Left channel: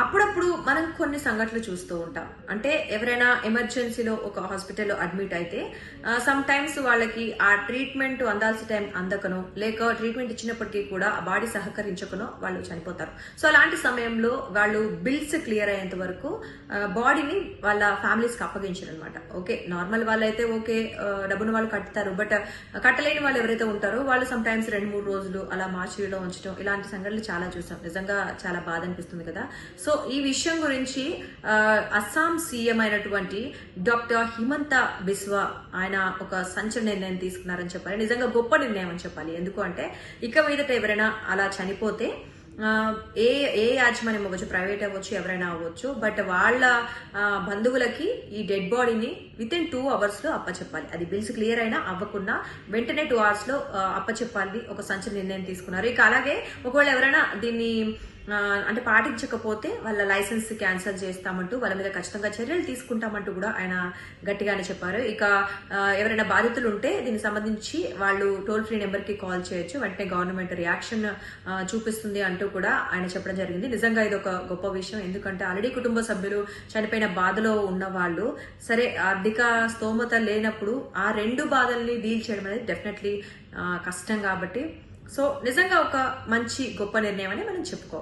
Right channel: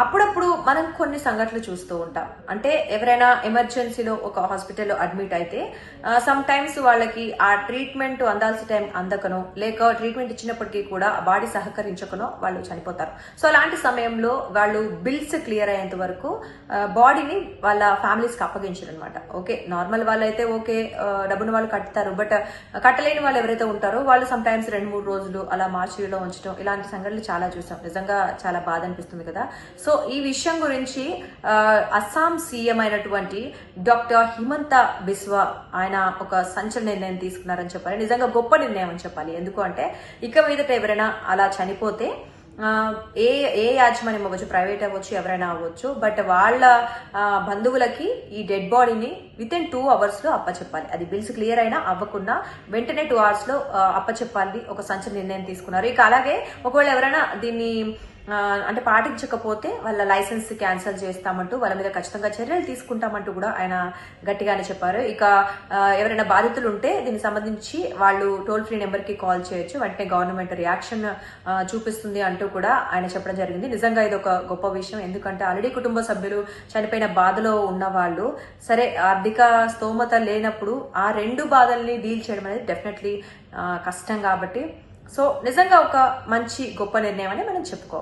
అప్పుడప్పుడు మనం కొన్ని సంఘటనలు చూస్తూ ఉంటాం. అంటే ఎవరైనా ఎమర్జెన్సీలో ఒక హాస్పిటల్లో అడ్మిట్ అయితే సమ్ టైమ్స్ వాళ్ళకి ఆ ట్రీట్మెంట్ అందాల్సిన టైం అందకనో లేక ట్రీట్మెంట్ ఇచ్చినప్పటికీ కూడా ఆ బాడీ సహకరించకనో వాళ్ళు చనిపోతారు. సో అలాంటి సమయంలో వాళ్ళు బిల్స్ క్లియర్ అయ్యేంత వరకు బాడీని వాళ్ళ ఫ్యామిలీస్కి అప్పగించరు అనమాట ఓకే నార్మల్ వాళ్ళైతే ఓకే డబ్బును వాళ్ళు కట్టుతారు బట్ కట్టలేని వాళ్ళు ఎవరైతే ఉంటారో వాళ్ళు సమ్ టైమ్స్ రెండు మూడు రోజులు అలా మార్చిలో ఉంచడం ఇలాంటి సంఘటనలు చాలా చూసాం నిజంగా చాలా బాధ అనిపిస్తుంది కదా. సో సో ఈ విషయం గురించి అస్సాం సీఎం అయినటువంటి డాక్టర్ హిమంత బిస్వ ఆయన ఒక సంచలన నిర్ణయం తీసుకున్నారని చెప్పాలి. నిజంగా గొప్ప నిర్ణయం అని చెప్పాలి. ఎందుకు అంటే ఇక మీదట ఎవరైనా అలా చనిపోతే ఏ ఏ యాజమాన్యం అవ్వచ్చు ప్రైవేట్ అవ్వచ్చు ఎవరైనా అవ్వచ్చు బట్ వాళ్ళ బంధువులకి ఈ డెడ్ బాడీని విత్ ఇన్ టూ అవర్స్లో అప్పచెప్పాలి. అది బిల్స్ క్లియర్ అయినా అవ్వకుండా వెంటనే టూ అవర్స్లో అప్పచెప్పాలి. ఒక సంచలన నిర్ణయం తీసుకున్నారు. ఇక అలాగే ఒకవేళ ఎవరైనా దీన్ని అంటే పాటించకపోతే వాళ్ళ లైసెన్స్ క్యాన్సిల్ చేస్తామంటూ వాళ్ళ మీద ఖచ్చితంగా చర్యలు తీసుకుంటామంటూ కూడా ఆయన గట్టిగానే చెప్పారు. ఇక ఎవరైనా బాధితులు ఉంటే దీనికి సంబంధించి వాళ్ళు టోల్ ఫ్రీ నెంబర్కి కాల్ చేయొచ్చు. వెంటనే గవర్నమెంట్ రియాక్షన్ చూపిస్తుంది అంటూ కూడా ఆయన చెప్పడం జరిగింది. నిజంగా ఇది ఒక గొప్ప విషయం. ఎందుకంటే ఆల్రెడీ కుటుంబ సభ్యులు చనిపోయిన బాధలో ఉన్న వాళ్ళు సరే ఆర్థిక స్తోమత లేనప్పుడు ఆ రెండు బాధల్ని డీల్ చేయడం అనేది డెఫినెట్లీ కష్టం కాబట్టి. సో నిజంగా ఒక మంచి గొప్ప నిర్ణయం అని మనం చెప్పుకో